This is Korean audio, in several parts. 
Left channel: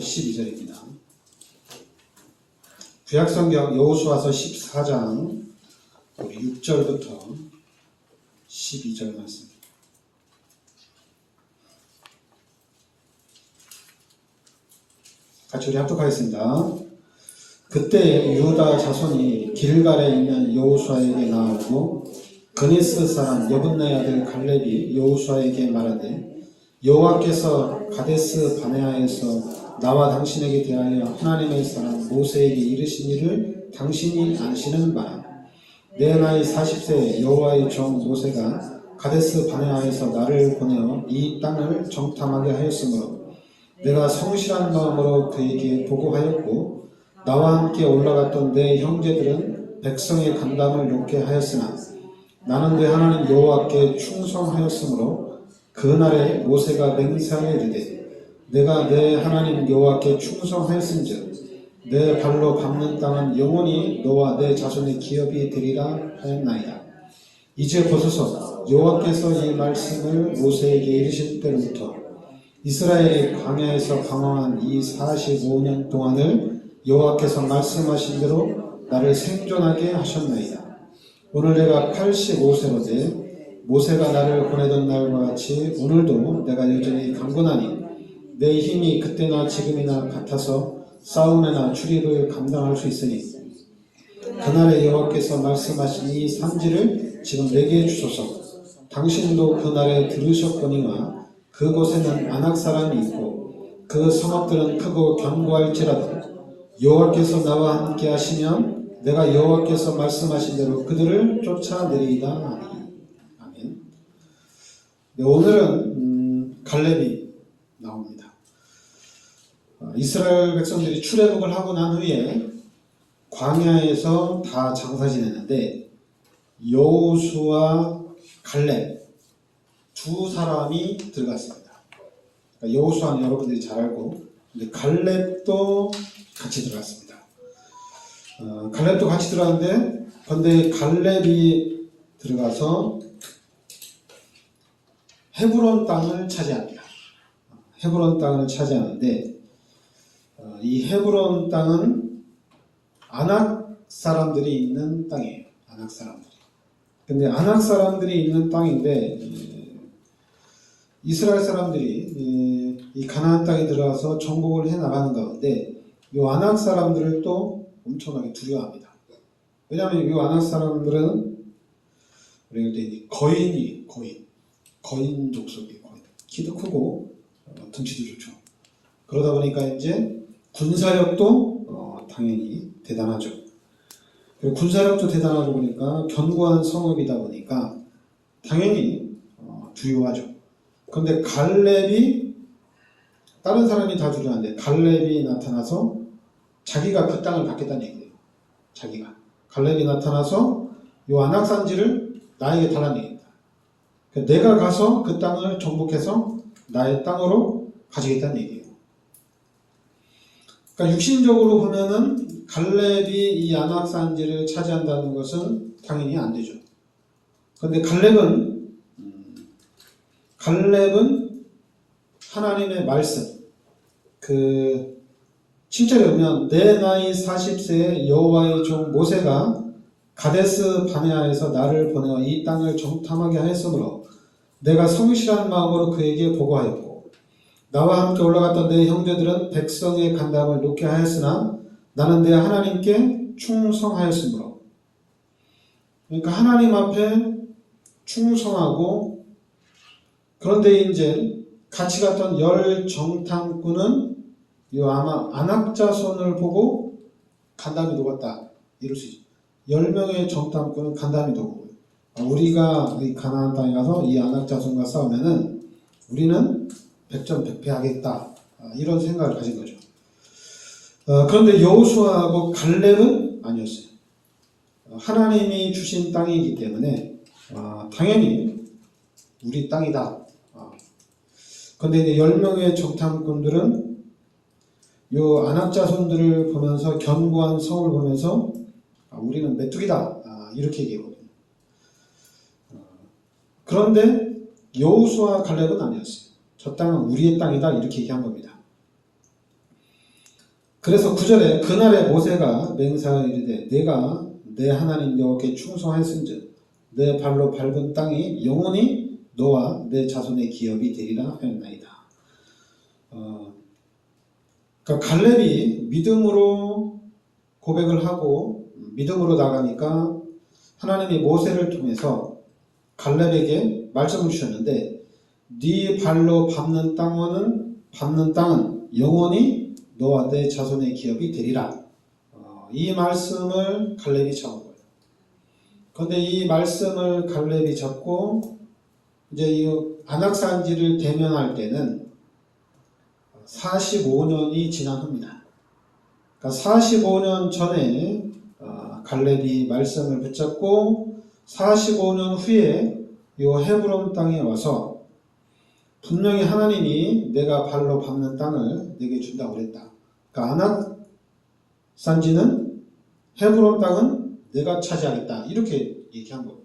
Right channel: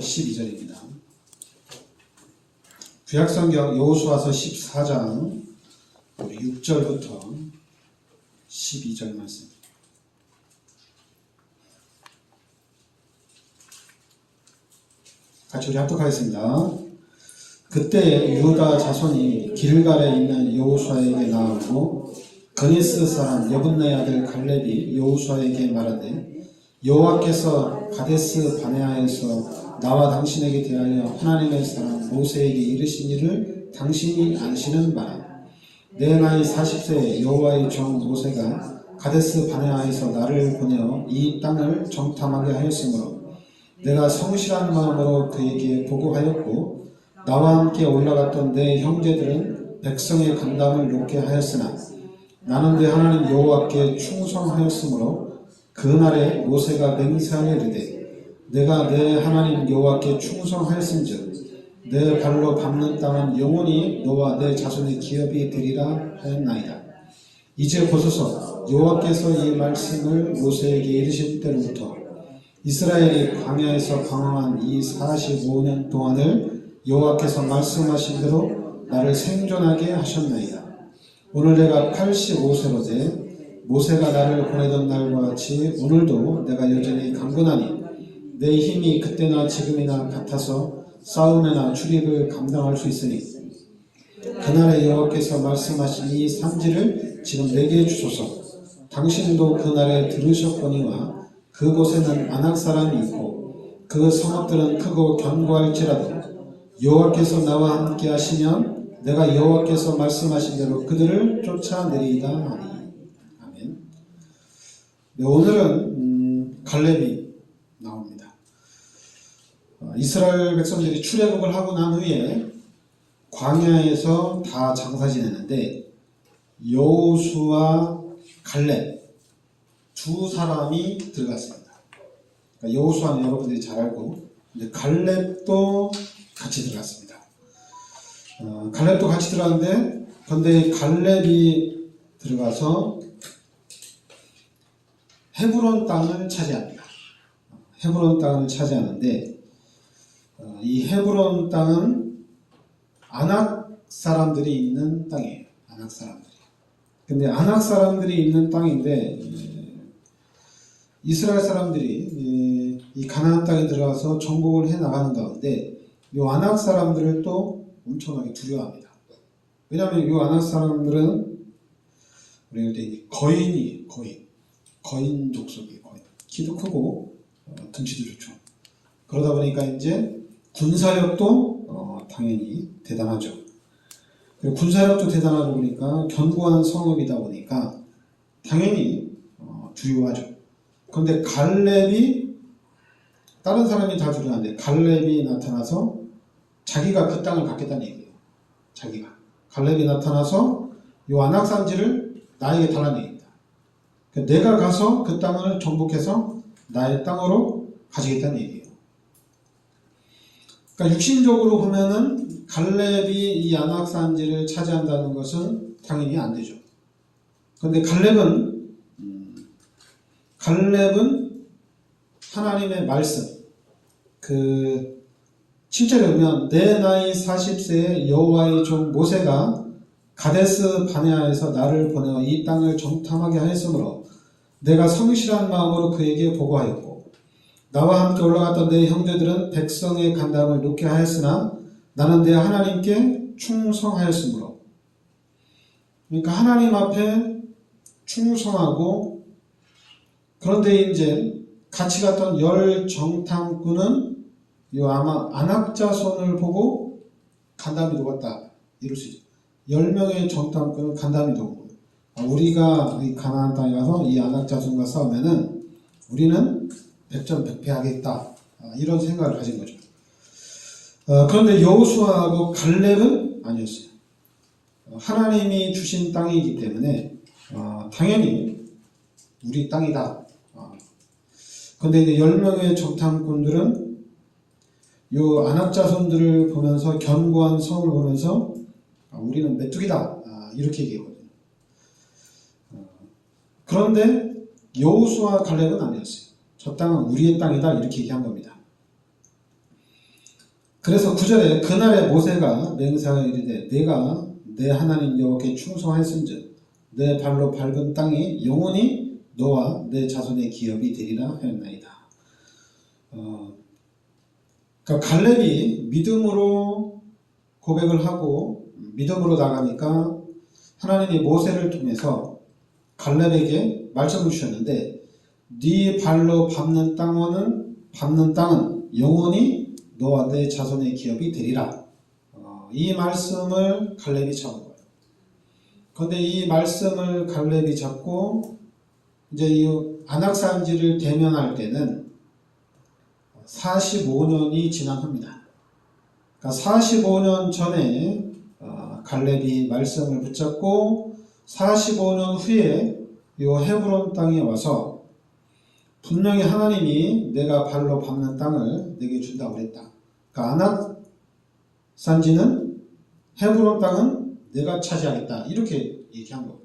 12절입니다. 구약성경 여호수아서 14장 6절부터 12절 말씀. 같이 우리 합독하겠습니다. 그때 유다 자손이 길갈에 있는 여호수아에게 나아오고 그니스 사람 여분네 아들 갈렙이 여호수아에게 말하되 여호와께서 가데스 바네아에서 나와 당신에게 대하여 하나님의 사람 모세에게 이르신 일을 당신이 아시는 바라. 내 나이 40세에 여호와의 종 모세가 가데스 바네아에서 나를 보내어 이 땅을 정탐하게 하였으므로 내가 성실한 마음으로 그에게 보고하였고 나와 함께 올라갔던 내 형제들은 백성의 간담을 놓게 하였으나 나는 내 하나님 여호와께 충성하였으므로 그날에 모세가 맹세하여 이르되 내가 내 하나님 여호와께 충성하였은즉 내 발로 밟는 땅은 영원히 너와 내 자손의 기업이 되리라 하였나이다. 이제 보소서, 여호와께서 이 말씀을 모세에게 이르실 때로부터 이스라엘이 광야에서 방황한 이 45년 동안을 여호와께서 말씀하신 대로 나를 생존하게 하셨나이다. 오늘 내가 85세로되 모세가 나를 보내던 날과 같이 오늘도 내가 여전히 강건하니 내 힘이 그때나 지금이나 같아서 싸움이나 출입을 감당할 수 있으니 그날에 여호와께서 말씀하신 이 산지를 지금 내게 주소서. 당신도 그날에 들으셨거니와 그곳에는 아낙 사람이 있고 그 성읍들은 크고 견고할지라도 여호와께서 나와 함께 하시면 내가 여호와께서 말씀하신 대로 그들을 쫓아내리이다 하니. 아멘. 네, 오늘은 갈렙이 나옵니다. 이스라엘 백성들이 출애굽을 하고 난 후에 광야에서 다 장사 지내는데 여호수아, 갈렙 두 사람이 들어갔습니다. 그러니까 여호수아는 여러분들이 잘 알고, 근데 갈렙도 같이 들어갔습니다. 갈렙도 같이 들어갔는데, 근데 갈렙이 들어가서 헤브론 땅을 차지합니다. 헤브론 땅을 차지하는데, 이 헤브론 땅은 아낙 사람들이 있는 땅이에요. 아낙 사람들이. 근데 아낙 사람들이 있는 땅인데 이스라엘 사람들이 이 가나안 땅에 들어가서 정복을 해 나가는 가운데 이 아낙 사람들을 또 엄청나게 두려워합니다. 왜냐하면 이 아낙 사람들은 우리가 거인 족속이에요. 키도 크고 등치도 좋죠. 그러다 보니까 이제 군사력도 당연히 대단하죠. 군사력도 대단하고 보니까 견고한 성읍이다 보니까 당연히 두려워하죠. 그런데 갈렙이, 다른 사람이 다 두려워하는데 갈렙이 나타나서 자기가 그 땅을 갖겠다는 얘기예요. 갈렙이 나타나서 이 아낙산지를 나에게 달라는 얘기입니다. 내가 가서 그 땅을 정복해서 나의 땅으로 가지겠다는 얘기예요. 그러니까 육신적으로 보면은 갈렙이 이 아낙산지를 차지한다는 것은 당연히 안 되죠. 그런데 갈렙은 하나님의 말씀, 7절에 보면 내 나이 40세에 여호와의 종 모세가 가데스 바네아에서 나를 보내어 이 땅을 정탐하게 하였으므로 내가 성실한 마음으로 그에게 보고하였고 나와 함께 올라갔던 내 형제들은 백성의 간담을 놓게 하였으나 나는 내 하나님께 충성하였으므로. 그러니까 하나님 앞에 충성하고, 그런데 이제 같이 갔던 열 정탐꾼은 이 아낙 자손을 보고 간담이 녹았다, 이럴 수 있죠. 10명의 정탐꾼은 간담이 녹고, 우리가 이 가나안 땅에 가서 이 아낙 자손과 싸우면은 우리는 백전백패하겠다, 이런 생각을 가진 거죠. 그런데 여호수아하고 갈렙은 아니었어요. 하나님이 주신 땅이기 때문에 당연히 우리 땅이다. 그런데 이제 10명의 정탐꾼들은 요 아낙 자손들을 보면서, 견고한 성을 보면서 우리는 메뚜기다, 이렇게 얘기하거든요. 그런데 여호수아, 갈렙은 아니었어요. 저 땅은 우리의 땅이다, 이렇게 얘기한 겁니다. 그래서 9절에 그날에 모세가 맹세하여 이르되 내가 내 하나님 여호와께 충성하였은즉 내 발로 밟은 땅이 영원히 너와 내 자손의 기업이 되리라 하였나이다. 그러니까 갈렙이 믿음으로 고백을 하고 믿음으로 나가니까 하나님이 모세를 통해서 갈렙에게 말씀을 주셨는데 네 발로 밟는 땅은 영원히 너와 내 자손의 기업이 되리라. 이 말씀을 갈렙이 잡은 거예요. 그런데 이 말씀을 갈렙이 잡고 이제 이 안악산지를 대면할 때는 45년이 지난 후입니다. 그러니까 45년 전에 갈렙이 말씀을 붙잡고 45년 후에 이 헤브론 땅에 와서 분명히 하나님이 내가 발로 밟는 땅을 내게 준다고 그랬다. 그러니까 안악산지는 헤브론 땅은 내가 차지하겠다. 이렇게 얘기한 거예요.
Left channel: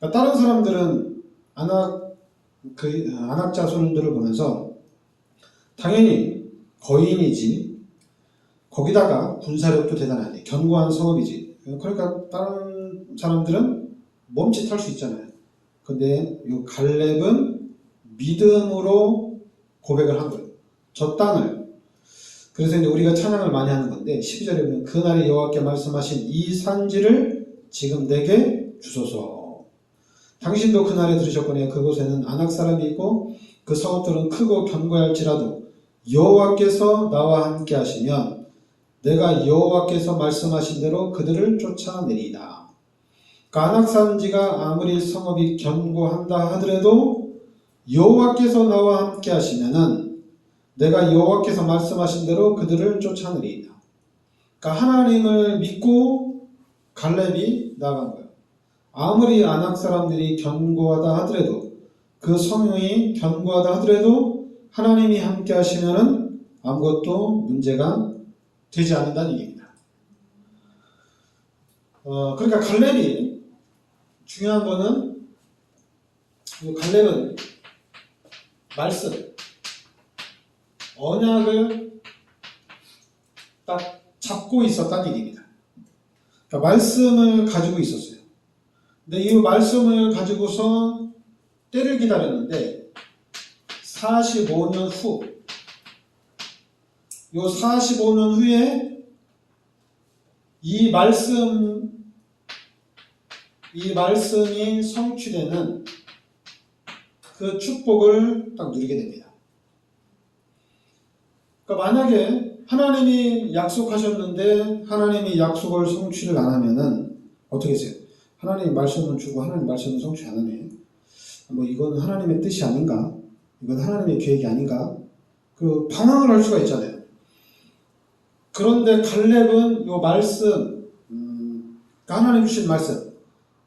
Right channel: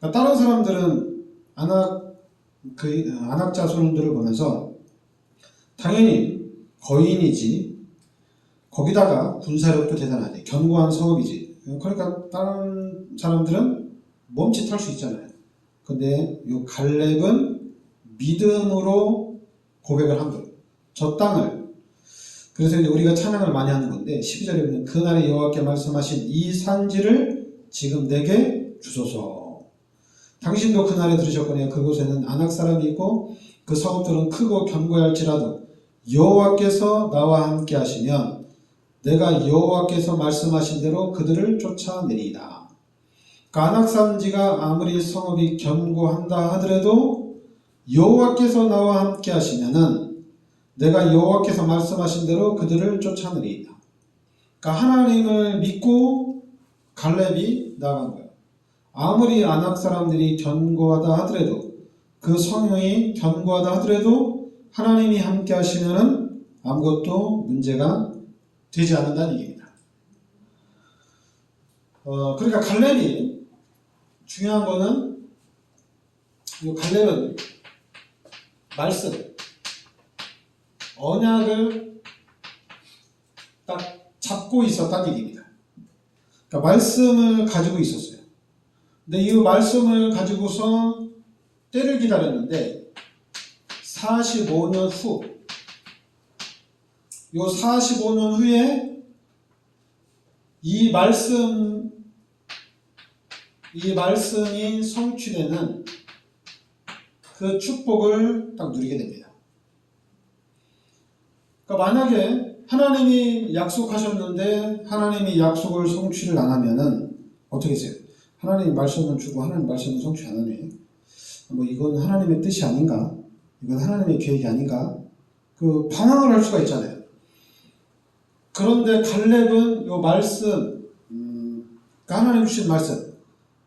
그러니까 다른 사람들은 안악 자손들을 보면서 당연히 거인이지, 거기다가 군사력도 대단하네, 견고한 성읍이지. 그러니까 다른 사람들은 멈칫할 수 있잖아요. 근데 이 갈렙은 믿음으로 고백을 한 거예요. 저 땅을. 그래서 이제 우리가 찬양을 많이 하는 건데 12절에 보면 그날에 여호와께 말씀하신 이 산지를 지금 내게 주소서. 당신도 그날에 들으셨거니와 그곳에는 안악 사람이 있고 그 성읍들은 크고 견고할지라도 여호와께서 나와 함께 하시면 내가 여호와께서 말씀하신 대로 그들을 쫓아내리이다. 그러니까 안악 산지가 아무리 성읍이 견고한다 하더라도 여호와께서 나와 함께 하시면은 내가 여호와께서 말씀하신 대로 그들을 쫓아내리이다. 그러니까 하나님을 믿고 갈렙이 나아간 거예요. 아무리 안악 사람들이 견고하다 하더라도 그 성읍이 견고하다 하더라도 하나님이 함께 하시면은 아무것도 문제가 되지 않는다는 얘기입니다. 그러니까 갈렙이 중요한 거는 갈렙은 말씀, 언약을 딱 잡고 있었다는 얘기입니다. 그러니까 말씀을 가지고 있었어요. 근데 이 말씀을 가지고서 때를 기다렸는데 45년 후, 요 45년 후에 이 말씀이 성취되는 그 축복을 딱 누리게 됩니다. 그러니까 만약에 하나님이 약속하셨는데 하나님이 약속을 성취를 안 하면은 어떻게 해요? 하나님이 말씀을 주고 하나님 말씀을 성취 안 하네. 뭐 이건 하나님의 뜻이 아닌가? 이건 하나님의 계획이 아닌가? 그 방황을 할 수가 있잖아요. 그런데 갈렙은 요 말씀, 하나님 주신 말씀,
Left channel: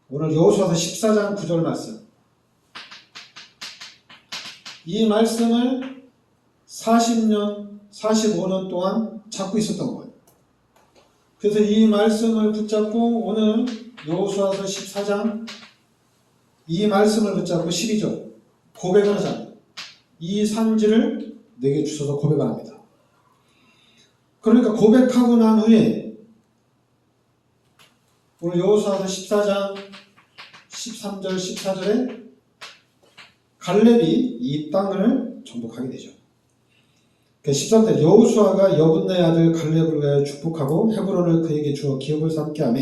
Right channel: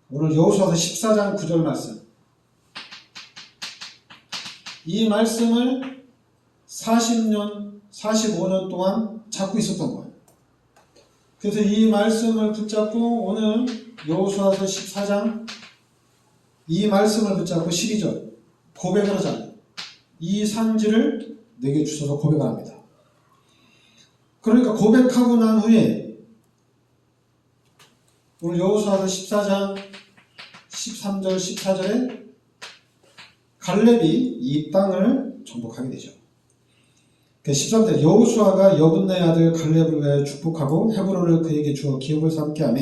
오늘 여호수아서 14장 9절 말씀, 이 말씀을 45년 동안 잡고 있었던 거예요. 그래서 이 말씀을 붙잡고 오늘 여호수아서 14장 이 말씀을 붙잡고 12절 고백을 하잖아요. 이 산지를 내게 주셔서 고백을 합니다. 그러니까 고백하고 난 후에 오늘 여호수아서 14장 13절 14절에 갈렙이 이 땅을 정복하게 되죠. 13절 여호수아가 여분네 아들 갈렙을 위하여 축복하고 헤브론을 그에게 주어 기업을 삼게 하며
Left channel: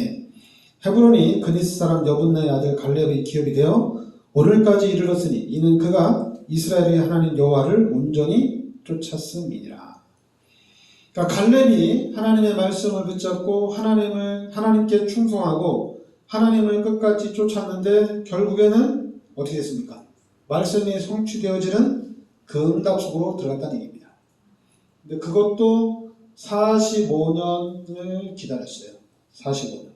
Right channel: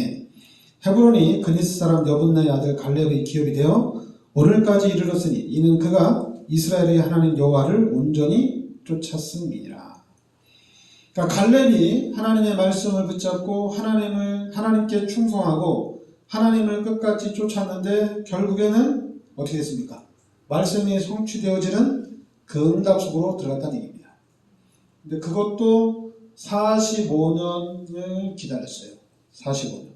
헤브론이 그니스 사람 여분네 아들 갈렙의 기업이 되어 오늘까지 이르렀으니 이는 그가 이스라엘의 하나님 여호와를 온전히 쫓았음이니라. 그러니까 갈렙이 하나님의 말씀을 붙잡고 하나님께 충성하고 하나님을 끝까지 쫓았는데 결국에는 어떻게 됐습니까? 말씀이 성취되어지는 그 응답 속으로 들어갔다는 얘기입니다. 근데 그것도 45년을 기다렸어요. 45년.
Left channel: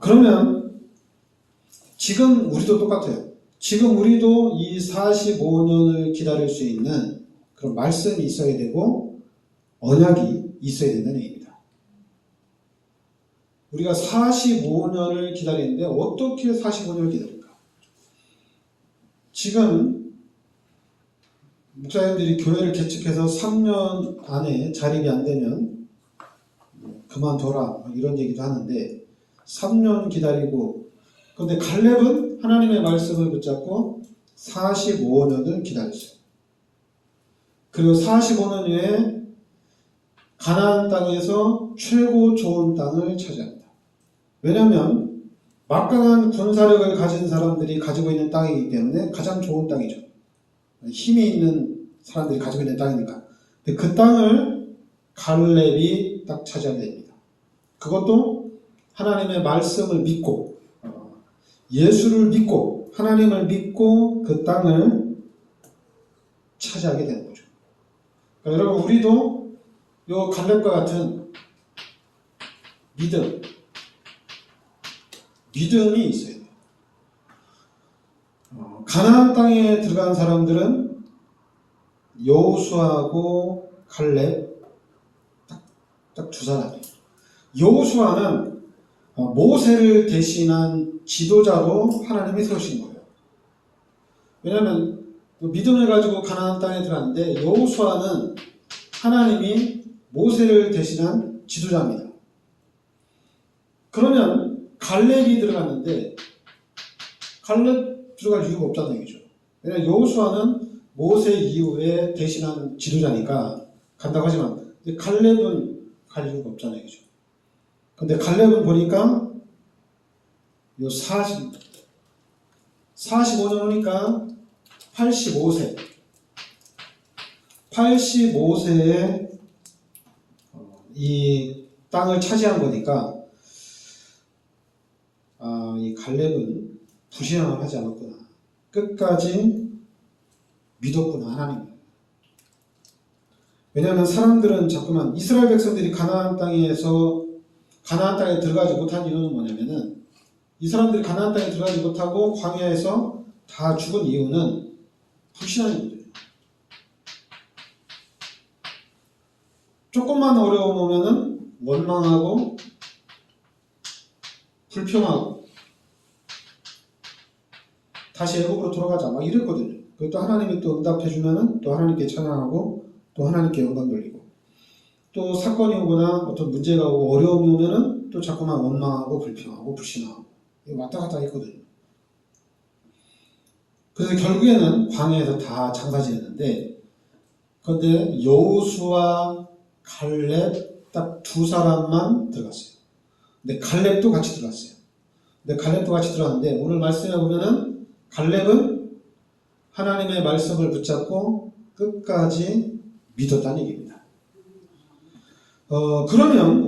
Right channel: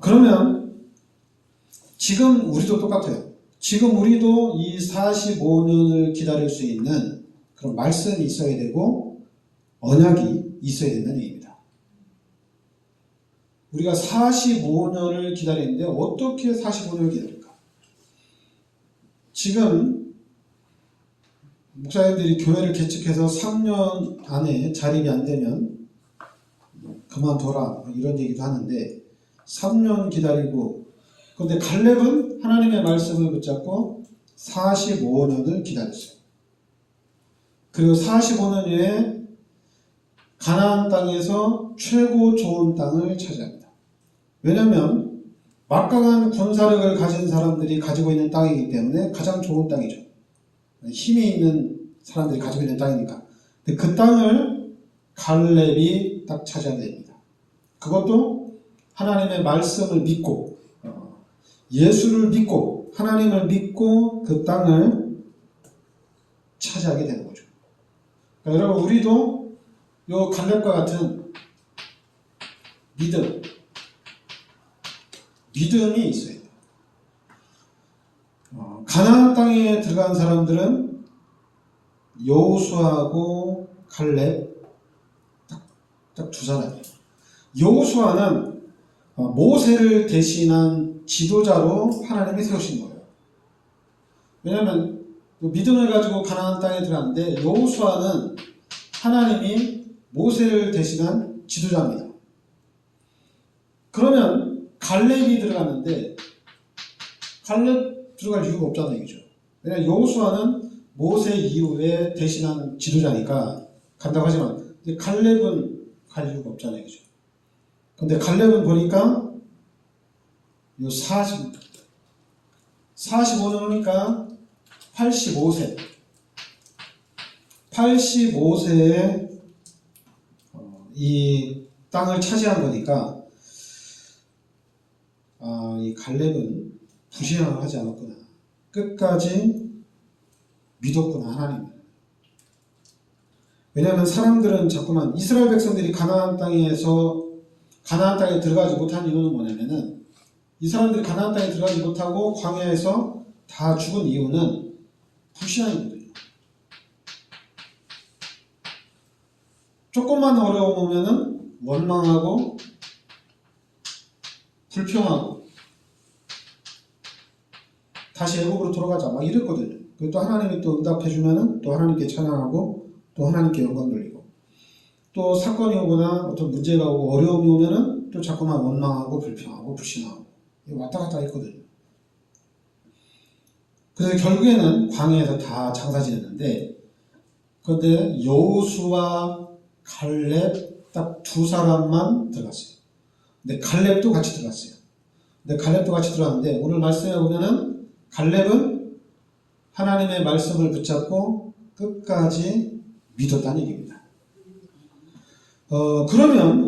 그러면 지금 우리도 똑같아요. 지금 우리도 이 45년을 기다릴 수 있는 그런 말씀이 있어야 되고 언약이 있어야 된다는 얘기입니다. 우리가 45년을 기다리는데 어떻게 45년을 기다릴까? 지금 목사님들이 교회를 개척해서 3년 안에 자립이 안 되면 그만둬라 이런 얘기도 하는데 3년 기다리고, 그런데 갈렙은 하나님의 말씀을 붙잡고 45년을 기다렸어요. 그리고 45년 후에 가나안 땅에서 최고 좋은 땅을 차지합니다. 왜냐하면 막강한 군사력을 가진 사람들이 가지고 있는 땅이기 때문에 가장 좋은 땅이죠. 힘이 있는 사람들이 가지고 있는 땅이니까. 근데 그 땅을 갈렙이 딱 차지하게 됩니다. 그것도 하나님의 말씀을 믿고, 예수를 믿고, 하나님을 믿고 그 땅을 차지하게 되는 거죠. 그러니까 여러분, 우리도 요 갈렙과 같은 믿음이 있어야 돼요. 가나안 땅에 들어간 사람들은 여호수아하고 갈렙 딱 두 사람이에요. 여호수아는 모세를 대신한 지도자로 하나님이 세우신 거예요. 왜냐하면 믿음을 가지고 가나안 땅에 들어갔는데 여호수아는 하나님이 모세를 대신한 지도자입니다. 그러면 갈렙이 들어갔는데 갈렙 들어갈 이유가 없다는 얘기죠. 왜냐하면 여호수아는 모세 이후에 대신한 지도자니까 간다고 하지만 갈렙은 갈 이유가 없다는 얘기죠. 근데 갈렙은 보니까 요 45년 후니까 85세에 이 땅을 차지한 거니까 이 갈렙은 부신앙을 하지 않았구나. 끝까지 믿었구나, 하나님. 왜냐하면 사람들은 자꾸만 이스라엘 백성들이 가나안 땅에 들어가지 못한 이유는 뭐냐면은 이 사람들이 가나안 땅에 들어가지 못하고 광야에서 다 죽은 이유는 불신앙이거든요. 조금만 어려움 오면은 원망하고 불평하고 다시 애굽으로 돌아가자 막 이랬거든요. 또 하나님이 또 응답해주면은 또 하나님께 찬양하고 또 하나님께 영광 돌리고, 또 사건이 오거나 어떤 문제가 오고 어려움이 오면은 또 자꾸만 원망하고 불평하고 불신하고 왔다 갔다 했거든요. 그래서 결국에는 광야에서 다 장사 지냈는데, 그런데 여호수아 갈렙 딱 두 사람만 들어갔어요. 근데 갈렙도 같이 들어갔어요. 근데 갈렙도 같이 들어갔는데 오늘 말씀해 보면은 갈렙은 하나님의 말씀을 붙잡고 끝까지 믿었다는 얘기입니다. 그러면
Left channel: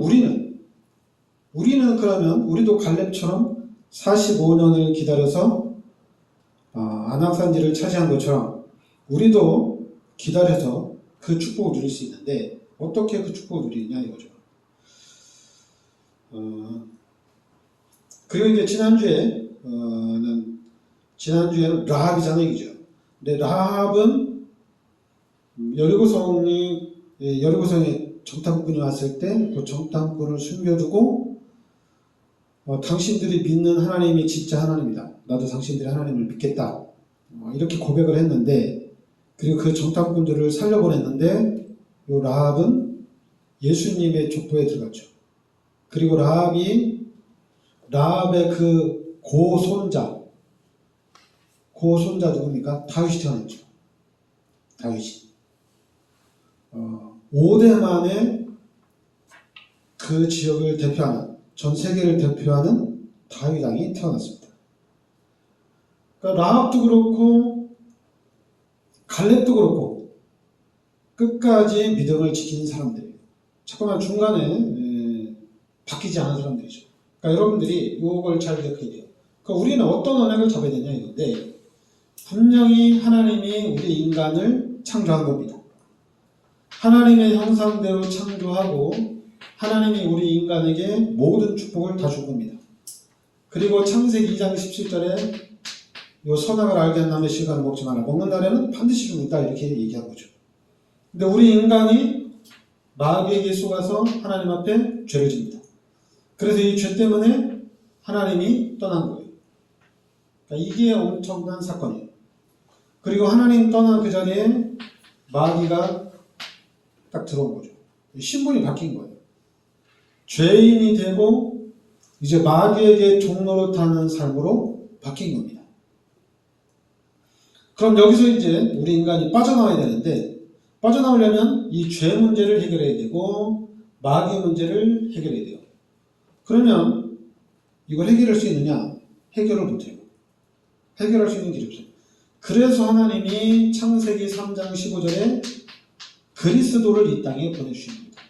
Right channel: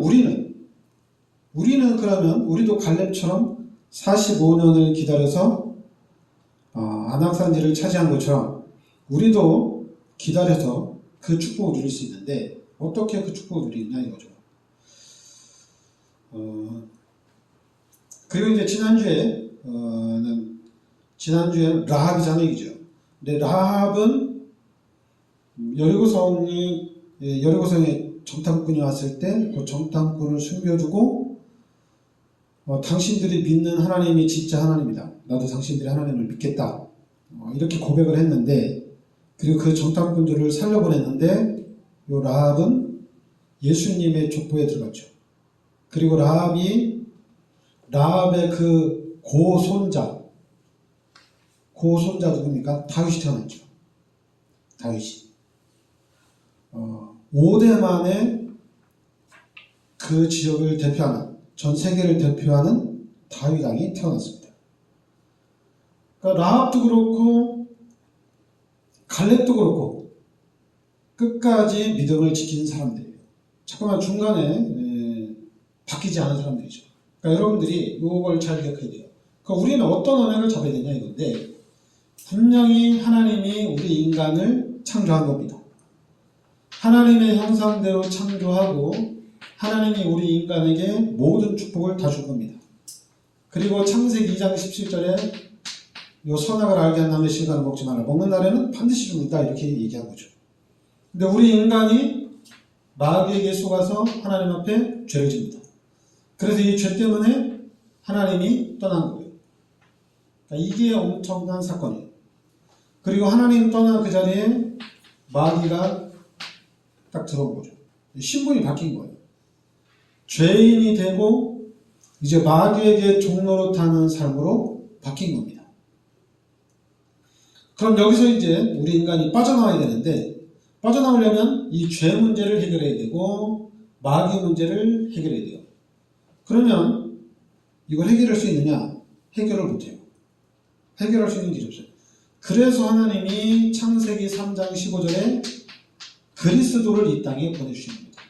우리도 갈렙처럼 45년을 기다려서 아낙산지를 차지한 것처럼 우리도 기다려서 그 축복을 누릴 수 있는데, 어떻게 그 축복을 누리느냐 이거죠. 그리고 이제 지난주에 라합이라는 얘기죠. 근데 라합은 여리고성에 정탐꾼이 왔을 때 그 정탐꾼을 숨겨두고 당신들이 믿는 하나님이 진짜 하나님이다. 나도 당신들이 하나님을 믿겠다. 이렇게 고백을 했는데, 그리고 그 정탐꾼들을 살려보냈는데 요 라합은 예수님의 족보에 들어갔죠. 그리고 라합의 그 고손자 누굽니까? 다윗이 태어났죠. 다윗이 5대 만에 그 지역을 대표하는, 전 세계를 대표하는 다윗 왕이 태어났습니다. 그러니까 라합도 그렇고 갈렙도 그렇고 끝까지 믿음을 지킨 사람들이에요. 잠깐만 중간에 바뀌지 않은 사람들이죠. 그러니까 여러분들이 이걸 잘 기억해야 돼요. 그러니까 우리는 어떤 언약을 잡아야 되냐 이건데, 분명히 하나님이 우리 인간을 창조한 겁니다. 하나님의 형상대로 창조하고 하나님이 우리 인간에게 모든 축복을 다 준 겁니다. 그리고 창세기 2장 17절에 요 선악을 알게 한 남의 실과는 먹지 마라. 먹는 날에는 반드시 죽는다. 이렇게 얘기한 거죠. 근데 우리 인간이 마귀에게 속아서 하나님 앞에 죄를 집니다. 그래서 이 죄 때문에 하나님이 떠난 거예요. 그러니까 이게 엄청난 사건이에요. 그리고 하나님 떠난 그 자리에 마귀가 딱 들어온 거죠. 신분이 바뀐 거예요. 죄인이 되고 이제 마귀에게 종노릇하는 삶으로 바뀐 겁니다. 그럼 여기서 이제 우리 인간이 빠져나와야 되는데, 빠져나오려면 이 죄 문제를 해결해야 되고 마귀 문제를 해결해야 돼요. 그러면 이걸 해결할 수 있느냐? 해결을 못해요. 해결할 수 있는 길이 없어요. 그래서 하나님이 창세기 3장 15절에 그리스도를 이 땅에 보내주십니다.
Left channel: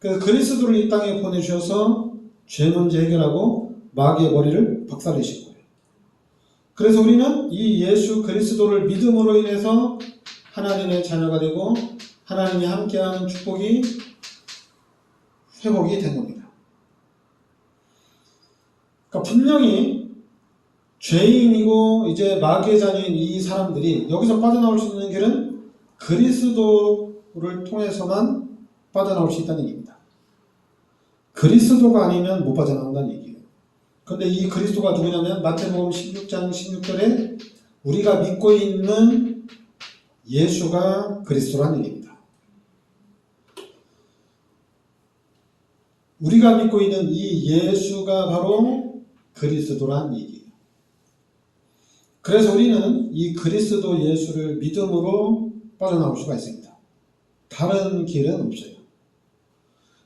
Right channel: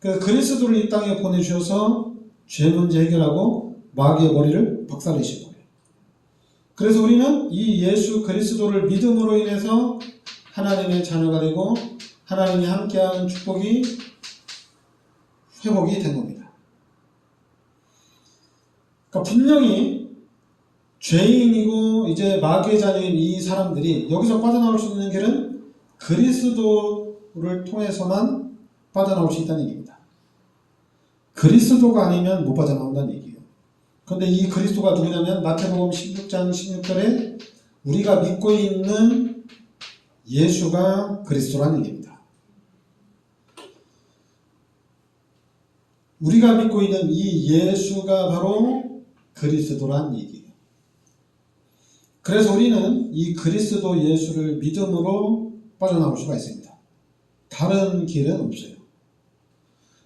그 그리스도를 이 땅에 보내주셔서 죄 문제 해결하고 마귀의 머리를 박살내신 거예요. 그래서 우리는 이 예수 그리스도를 믿음으로 인해서 하나님의 자녀가 되고 하나님이 함께하는 축복이 회복이 된 겁니다. 그러니까 분명히 죄인이고 이제 마귀의 자녀인 이 사람들이 여기서 빠져나올 수 있는 길은 그리스도를 통해서만 빠져나올 수 있다는 얘기입니다. 그리스도가 아니면 못 빠져나온다는 얘기예요. 그런데 이 그리스도가 누구냐면 마태복음 16장 16절에 우리가 믿고 있는 예수가 그리스도라는 얘기입니다. 우리가 믿고 있는 이 예수가 바로 그리스도라는 얘기예요. 그래서 우리는 이 그리스도 예수를 믿음으로 빠져나올 수가 있습니다. 다른 길은 없어요.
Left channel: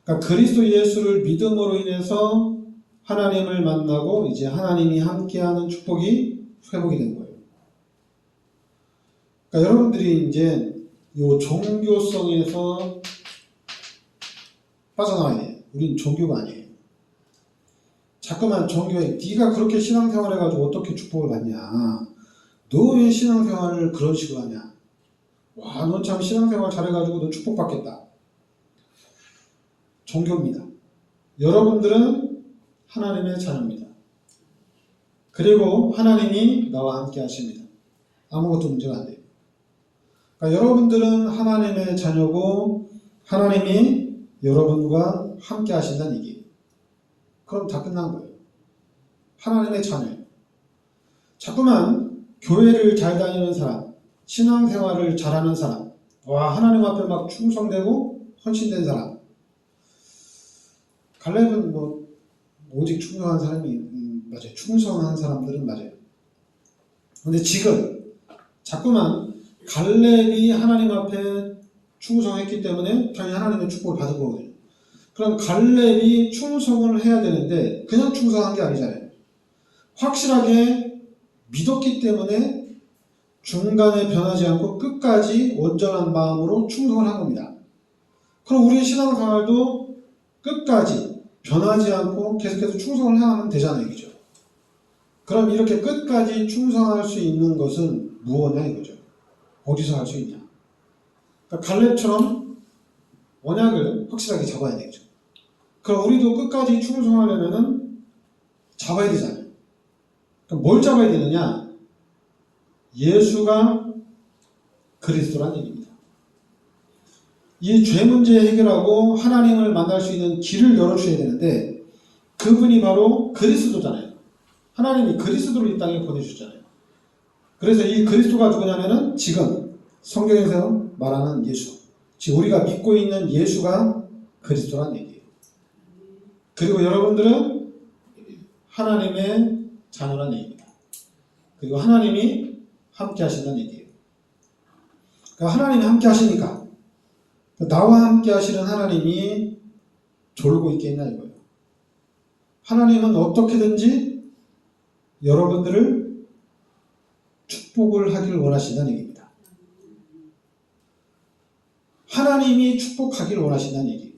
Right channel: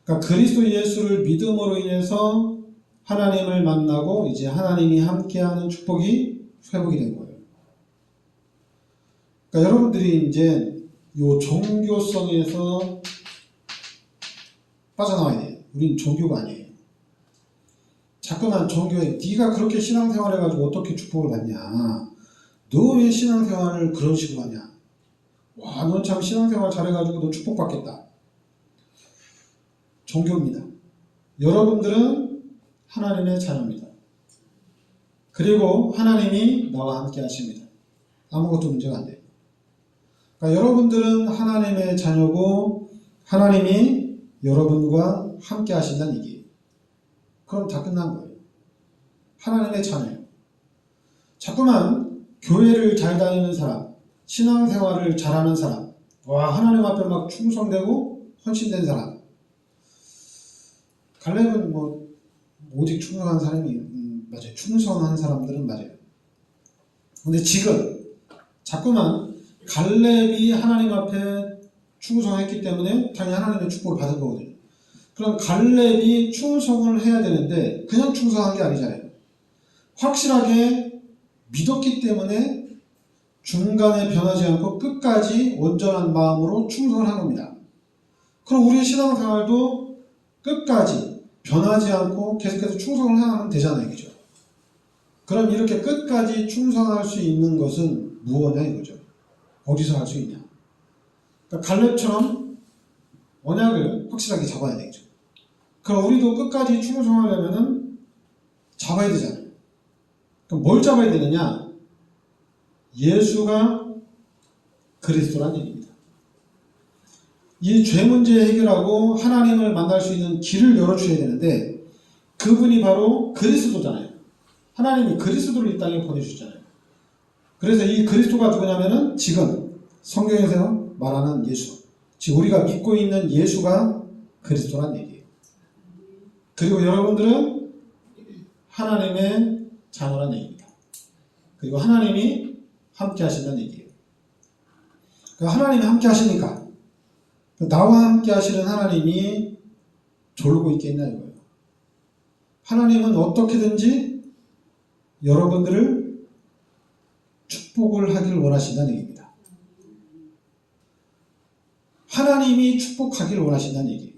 그러니까 그리스도 예수를 믿음으로 인해서 하나님을 만나고 이제 하나님이 함께하는 축복이 회복이 된 거예요. 그러니까 여러분들이 이제 이 종교성에서 빠져나와야 돼요. 우린 종교가 아니에요. 자꾸만 종교에 네가 그렇게 신앙생활 해가지고 어떻게 축복을 받냐, 너 왜 신앙생활을 그런 식으로 하냐, 와 넌 참 신앙생활 잘해가지고 너 축복받겠다. 종교입니다. 여러분들은 하나님의 자녀입니다. 그리고 하나님이 나와 함께 하십니다. 아무것도 문제가 안 돼요. 그러니까 여러분들은 하나님의 자녀고 하나님이 여러분과 함께 하신다는 얘기예요. 그럼 다 끝난 거예요. 하나님의 자녀예요. 자꾸만 교회를 잘 다니는 사람, 신앙생활을 잘하는 사람, 와 하나님 앞에 막 충성되고 헌신된 사람, 갈렙은 뭐 오직 충성한 사람이 맞아요. 충성한 사람들은 맞아요. 근데 지금 자꾸만 갈렙이 하나님 앞에 충성했기 때문에 당연히 하나님의 축복을 받은 거거든요. 그럼 갈렙이 충성을 해야 되는데 그냥 충성한 게 아니잖아요. 확실하게 믿었기 때문에 중간에 변하지 않고 끝까지 온전한 마음으로 충성을 한 겁니다. 그럼 우리의 신앙생활도 끝까지 변하지 않고 계속해서 충성을 하면 되잖아요. 그죠? 그럼 이렇게 끝까지 충성할 수 있는 것은 무엇이냐 이거죠. 어디서 할 수 있냐. 그러니까 갈렙처럼 언약을 확실하게 잡아야 되겠죠. 그럼 우리도 끝까지 충성하려면은 잡아야 되잖아요. 그럼 뭘 잡아야 되느냐? 예수가 그리스도라는 얘기입니다. 이 죄 문제 해결하고 하나님을 만날 수 있는 길을 열어주셔야 되는데 그분이 바로 그리스도잖아요. 하나님이 그리스도를 이 땅에 보내주셨잖아요. 그래서 이 그리스도가 누구냐면은 지금 성경에서 말하는 예수, 즉 우리가 믿고 있는 예수가 그리스도라는 얘기예요. 그리고 여러분들은 하나님의 자녀라는 얘기입니다. 그리고 하나님이 함께 하신다는 얘기예요. 그러니까 하나님이 함께 하시니까 나와 함께 하시는 하나님이 졸고 있겠냐 이거예요. 하나님은 어떻게든지 여러분들을 축복을 하기를 원하신다는 얘기입니다. 하나님이 축복하기를 원하신다는 얘기예요.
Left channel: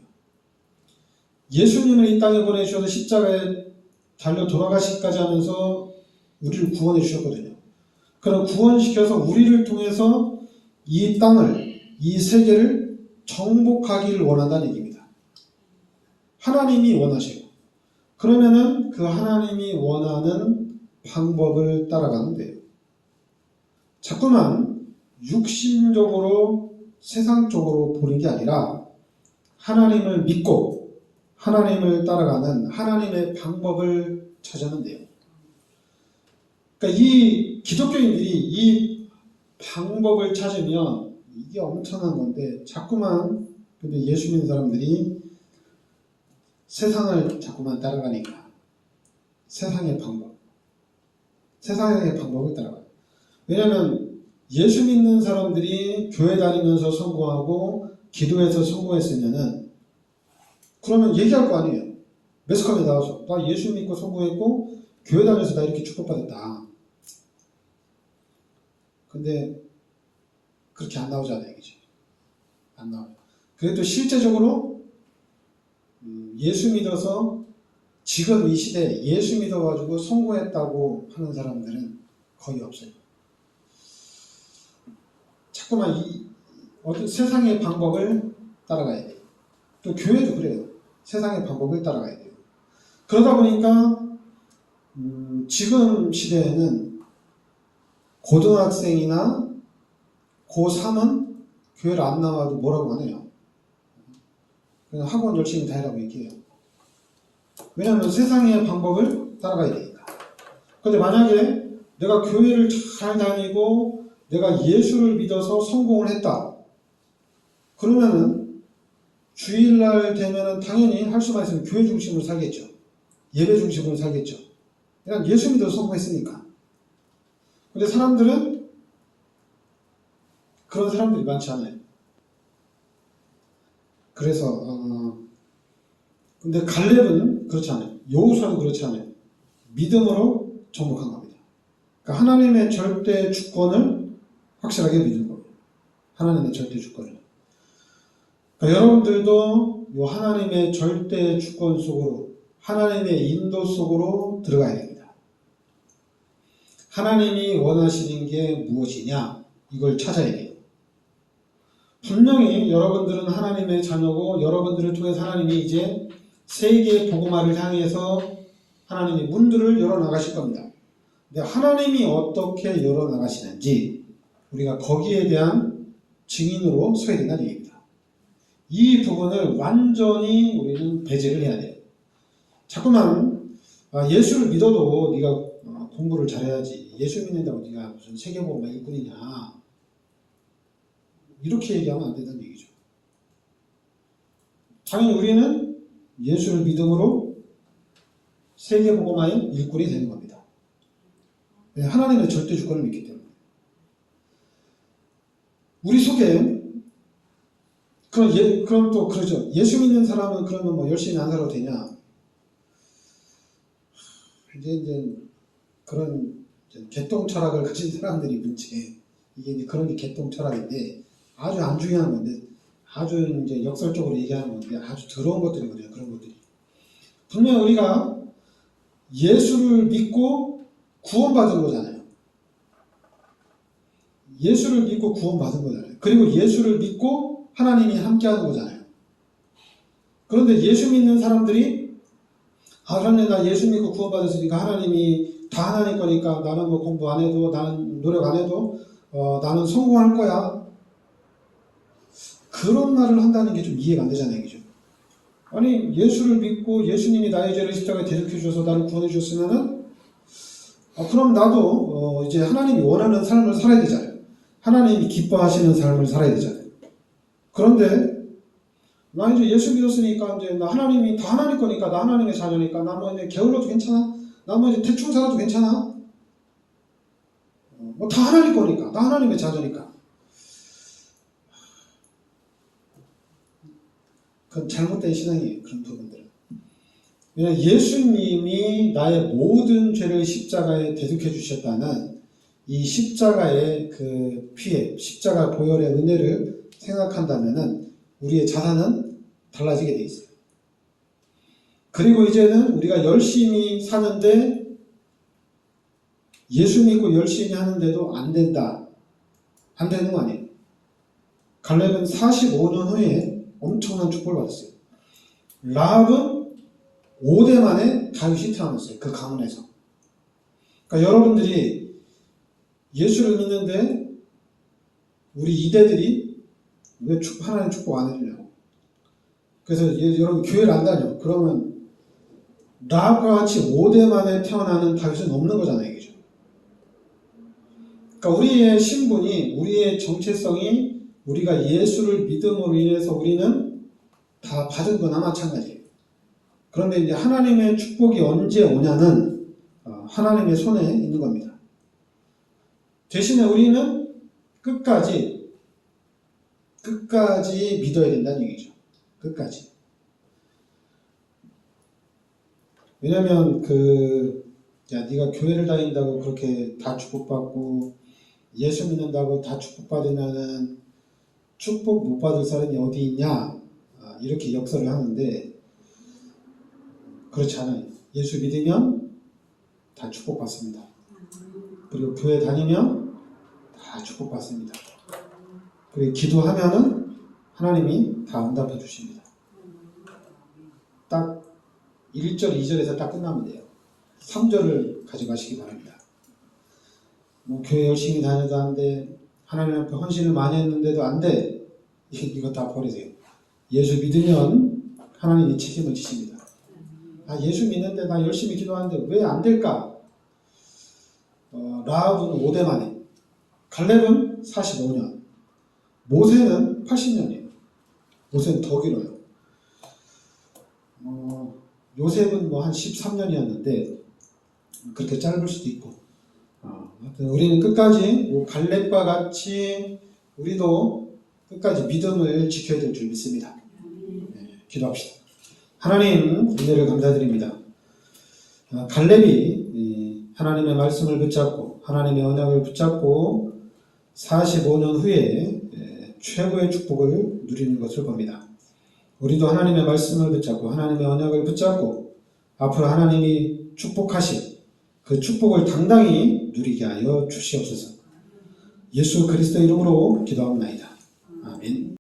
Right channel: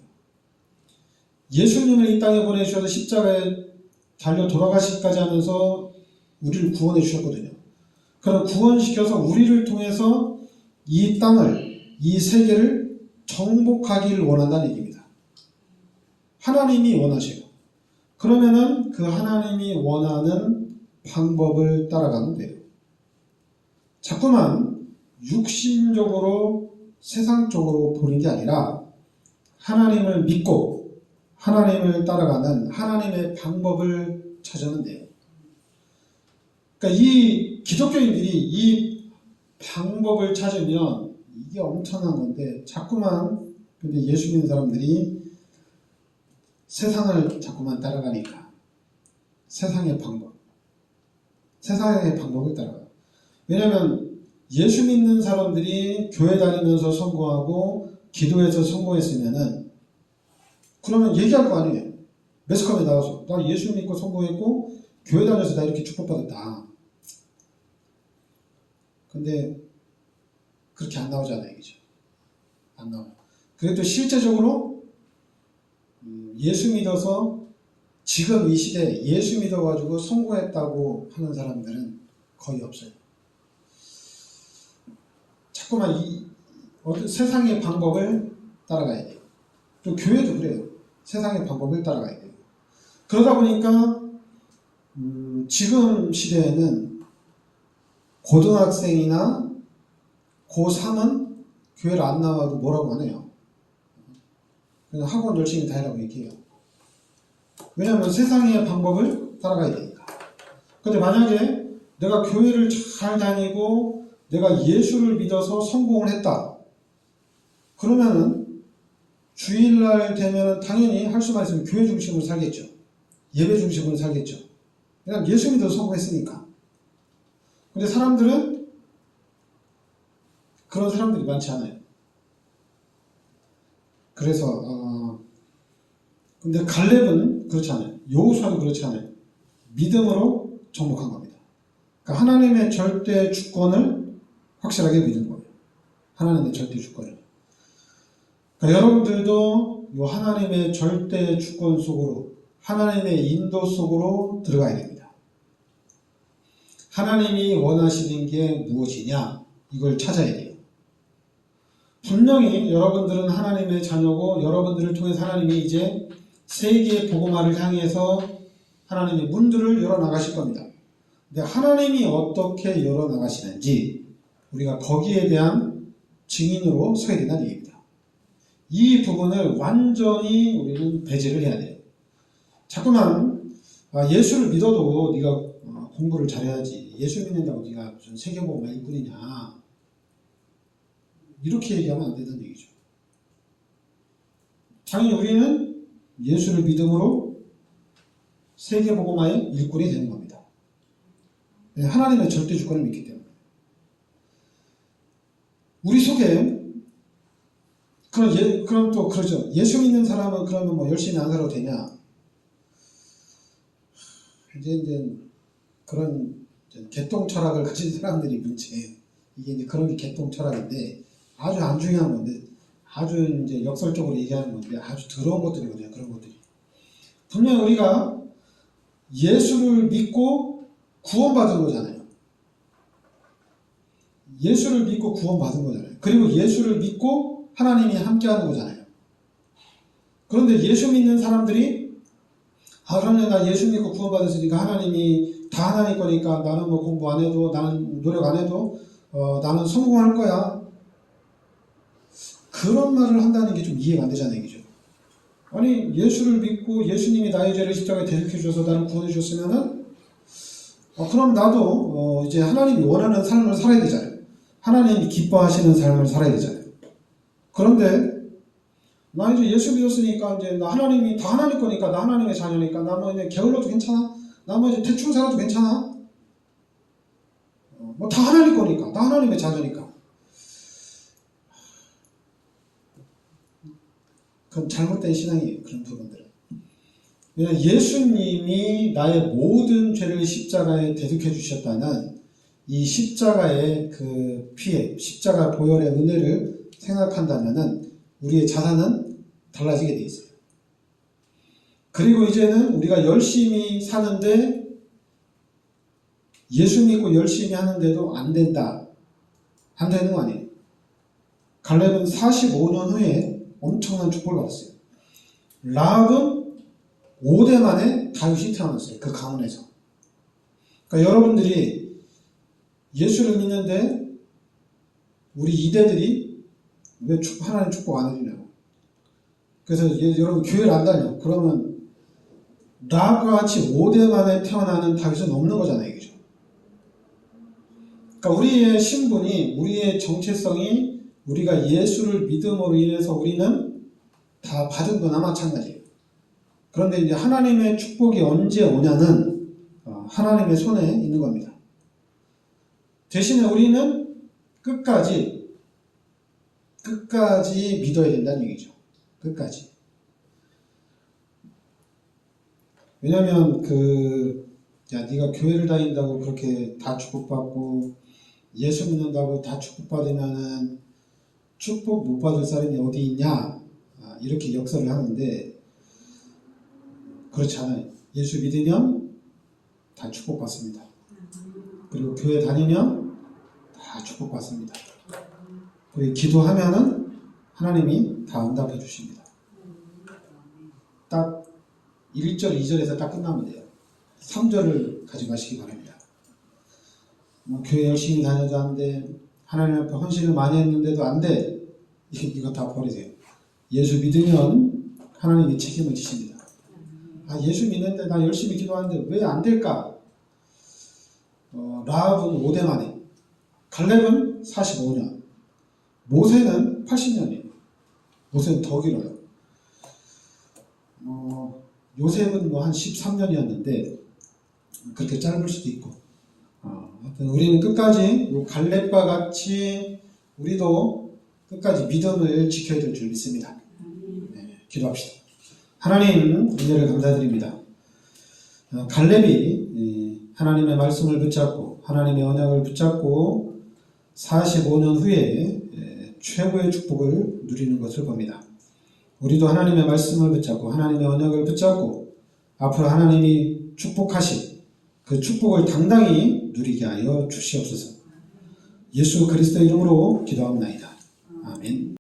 예수님을 이 땅에 보내주셔서 십자가에 달려 돌아가시기까지 하면서 우리를 구원해 주셨거든요. 그럼 구원시켜서 우리를 통해서 이 땅을, 이 세계를 정복하기를 원한다는 얘기입니다. 하나님이 원하셔요. 그러면은 그 하나님이 원하는 방법을 따라가면 돼요. 자꾸만 육신적으로 세상적으로 보는 게 아니라 하나님을 믿고 하나님을 따라가는 하나님의 방법을 찾으면 돼요. 그러니까 이 기독교인들이 이 방법을 찾으면 이게 엄청난 건데 자꾸만 근데 예수 믿는 사람들이 세상을 자꾸만 따라가니까 세상의 방법을 따라가요. 왜냐하면 예수 믿는 사람들이 교회 다니면서 성공하고 기도해서 성공했으면은 그러면 얘기할 거 아니에요. 매스컴에 나와서 나 예수 믿고 성공했고 교회 다녀서 나 이렇게 축복받았다. 근데 그렇게 안 나오잖아요. 그죠? 안 나와요. 그래도 실제적으로 예수 믿어서 지금 이 시대에 예수 믿어가지고 성공했다고 하는 사람들은 거의 없어요. 자꾸만 세상의 방법을 따라가야 돼요. 또 교회도 그래요. 세상의 방법을 따라가야 돼요. 그러다 보니까 지금 시대에는 고등학생이나 고3은 교회를 안 나와도 뭐라고 안 해요. 그냥 학원 열심히 다니라고 얘기해요. 왜냐하면 세상의 방법을 따라가야 되니까. 근데 만약에 내가 교회를 잘 다니고 내가 예수를 믿어서 성공을 했다. 그러면은 주일날 되면은 당연히 할 수만 있으면 교회 중심으로 살겠죠. 예배 중심으로 살겠죠. 그냥 예수 믿어서 성공했으니까. 근데 사람들은 그런 사람들이 많지 않아요. 그래서 근데 갈렙은 그렇지 않아요. 여호수아도 그렇지 않아요. 믿음으로 정복한 겁니다. 그러니까 하나님의 절대 주권을 확실하게 믿은 거예요. 하나님의 절대 주권을. 그러니까 여러분들도 이 하나님의 절대 주권 속으로 하나님의 인도 속으로 들어가야 됩니다. 하나님이 원하시는 게 무엇이냐 이걸 찾아야 돼요. 분명히 여러분들은 하나님의 자녀고 여러분들을 통해서 하나님이 이제 세계 복음화를 향해서 하나님의 문들을 열어나가실 겁니다. 근데 하나님이 어떻게 열어나가시는지 우리가 거기에 대한 증인으로 서야 된다는 얘기입니다. 이 부분을 완전히 우리는 배제를 해야 돼요. 자꾸만 예수를 믿어도 네가 공부를 잘해야지 예수 믿는다고 네가 무슨 세계복음화 일꾼이냐 이렇게 얘기하면 안 된다는 얘기죠. 당연히 우리는 예수를 믿음으로 세계복음화의 일꾼이 되는 겁니다. 하나님의 절대 주권을 믿기 때문에. 우리 속에 그럼 또 그러죠. 예수 믿는 사람은 그러면 뭐 열심히 안 살아도 되냐? 이제 그런 개똥 철학을 가진 사람들이 문제. 이게 이제 그런 게 개똥 철학인데 아주 안 중요한 건데 아주 이제 역설적으로 얘기하는 건데 아주 더러운 것들이거든요. 그런 것들이. 분명 우리가 예수를 믿고 구원받은 거잖아요. 예수를 믿고 구원받은 거잖아요. 그리고 예수를 믿고 하나님이 함께하는 거잖아요. 그런데 예수 믿는 사람들이 그러면 나 예수 믿고 구원받았으니까 하나님이 다 하나님 거니까 나는 뭐 공부 안 해도 나는 노력 안 해도 나는 성공할 거야. 그런 말을 한다는 게 좀 이해가 안 되잖아요. 그죠? 아니 예수를 믿고 예수님이 나의 죄를 십자가에 대속해 주셔서 나를 구원해 주셨으면은 그럼 나도 이제 하나님이 원하는 삶을 살아야 되잖아요. 하나님이 기뻐하시는 삶을 살아야 되잖아요. 그런데 나 이제 예수 믿었으니까 이제 나 하나님이 다 하나님 거니까 나 하나님의 자녀니까 나 뭐 이제 게을러도 괜찮아. 나 뭐 이제 대충 살아도 괜찮아. 뭐 다 하나님 거니까 나 하나님의 자녀니까. 그건 잘못된 신앙이에요. 그런 부분들은. 왜냐하면 예수님이 나의 모든 죄를 십자가에 대속해 주셨다는 이 십자가의 그 피해, 십자가 보혈의 은혜를 생각한다면은 우리의 자산은 달라지게 돼 있어요. 그리고 이제는 우리가 열심히 사는데 예수 믿고 열심히 하는데도 안 된다. 안 되는 거 아니에요. 갈렙은 45년 후에 엄청난 축복을 받았어요. 라합은 5대 만에 다윗이 태어났어요. 그 가문에서. 그러니까 여러분들이 예수를 믿는데 우리 이대들이 왜 하나님 축복 안 해주냐고. 그래서 여러분 교회를 안 다녀. 그러면 라합과 같이 5대 만에 태어나는 다윗은 없는 거잖아요. 그죠? 그러니까 우리의 신분이, 우리의 정체성이, 우리가 예수를 믿음으로 인해서 우리는 다 받은 거나 마찬가지예요. 그런데 이제 하나님의 축복이 언제 오냐는 하나님의 손에 있는 겁니다. 대신에 우리는 끝까지 믿어야 된다는 얘기죠. 끝까지. 왜냐하면 네가 교회를 다닌다고 그렇게 다 축복받고 예수 믿는다고 다 축복받으면은 축복 못 받을 사람이 어디 있냐, 이렇게 역설을 하는데 그렇지 않아요. 예수 믿으면 다 축복받습니다. 그리고 교회 다니면 다 축복받습니다. 그리고 기도하면은 하나님이 다 응답해 주십니다. 딱 1절, 2절에서 딱 끝나면 돼요. 3절을 가져가시기 바랍니다. 교회 열심히 다녀도 안 돼. 하나님 앞에 헌신을 많이 했는데도 안 돼. 이거 다 버리세요. 예수 믿으면 하나님이 책임을 지십니다. 예수 믿는데 나 열심히 기도하는데 왜 안 될까? 라합은 5대 만에, 갈렙은 45년, 모세는 80년이에요. 모세는 더 길어요. 요셉은 한 13년이었는데 그렇게 짧을 수도 있고, 하여튼 우리는 끝까지 갈렙과 같이 우리도 끝까지 믿음을 지켜야 될 줄 믿습니다. 기도합시다. 하나님, 은혜를 감사드립니다. 갈렙이 하나님의 말씀을 붙잡고 하나님의 언약을 붙잡고 45년 후에 최고의 축복을 누리는 것을 봅니다. 우리도 하나님의 말씀을 붙잡고 하나님의 언약을 붙잡고 앞으로 하나님이 축복하신 그 축복을 당당히 누리게 하여 주시옵소서. 예수 그리스도 이름으로 기도합니다.